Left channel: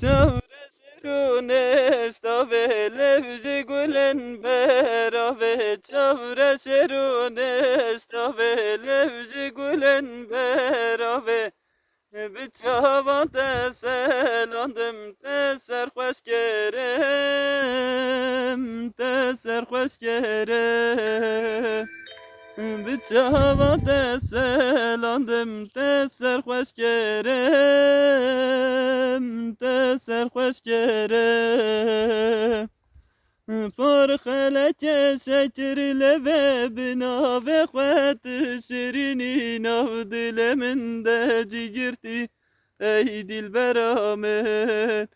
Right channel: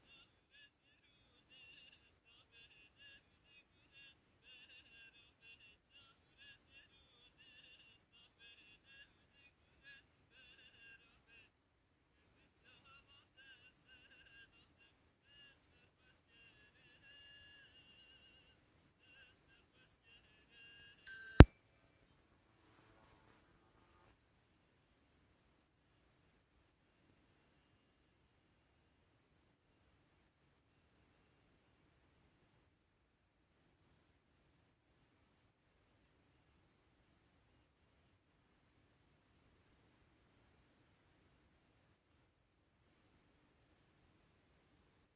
Çavre serunest ave levzi gülen berave. Çavre serunest ave levzi gülen berave. Bir çavanda selandım te serhoş kerem, te serhoş kerem. Bir çavanda selandım te serhoş kerem, te serhoş kerem. Por خلك سكر لبابنا بخوات سريني نفض من داجي جرتي ايدي البرامن.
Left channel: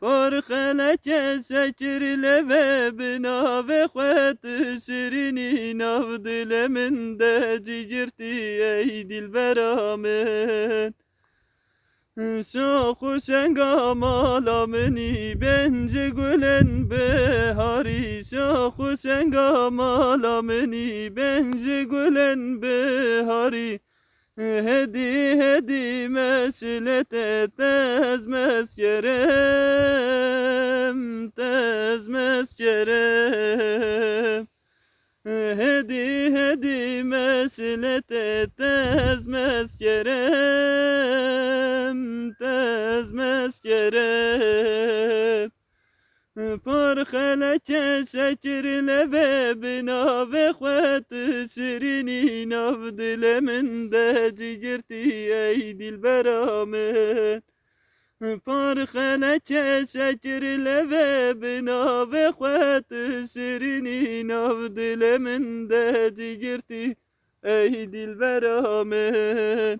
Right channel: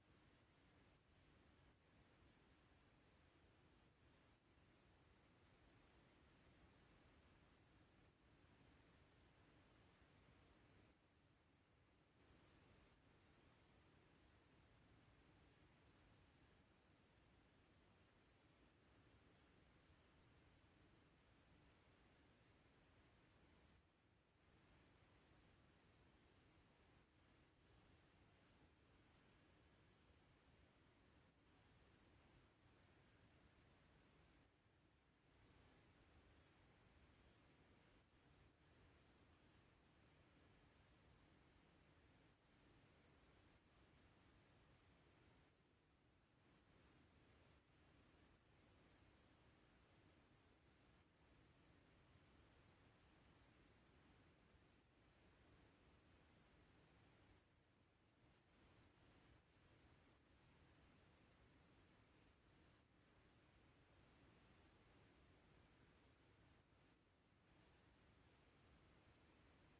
por خلك سكر لبابنا بخوات سريني نفض من داجي جرتي ايدي البرامن. Soğuk sengamalamenni bence gülen behari. Soğuk sengamalamenni bence gülen behari. Hedi hedi meslete tezmez kerem, tezmez kerem. Hedi hedi meslete tezmez kerem, tezmez kerem. Por خلك سكر لبابنا بخوات سريني نفضل من داجي جرتي ايدي البرامن. por خلك سكر لبابنا بخوات سريني نفضل من داجي جرتي ايدي البرامن.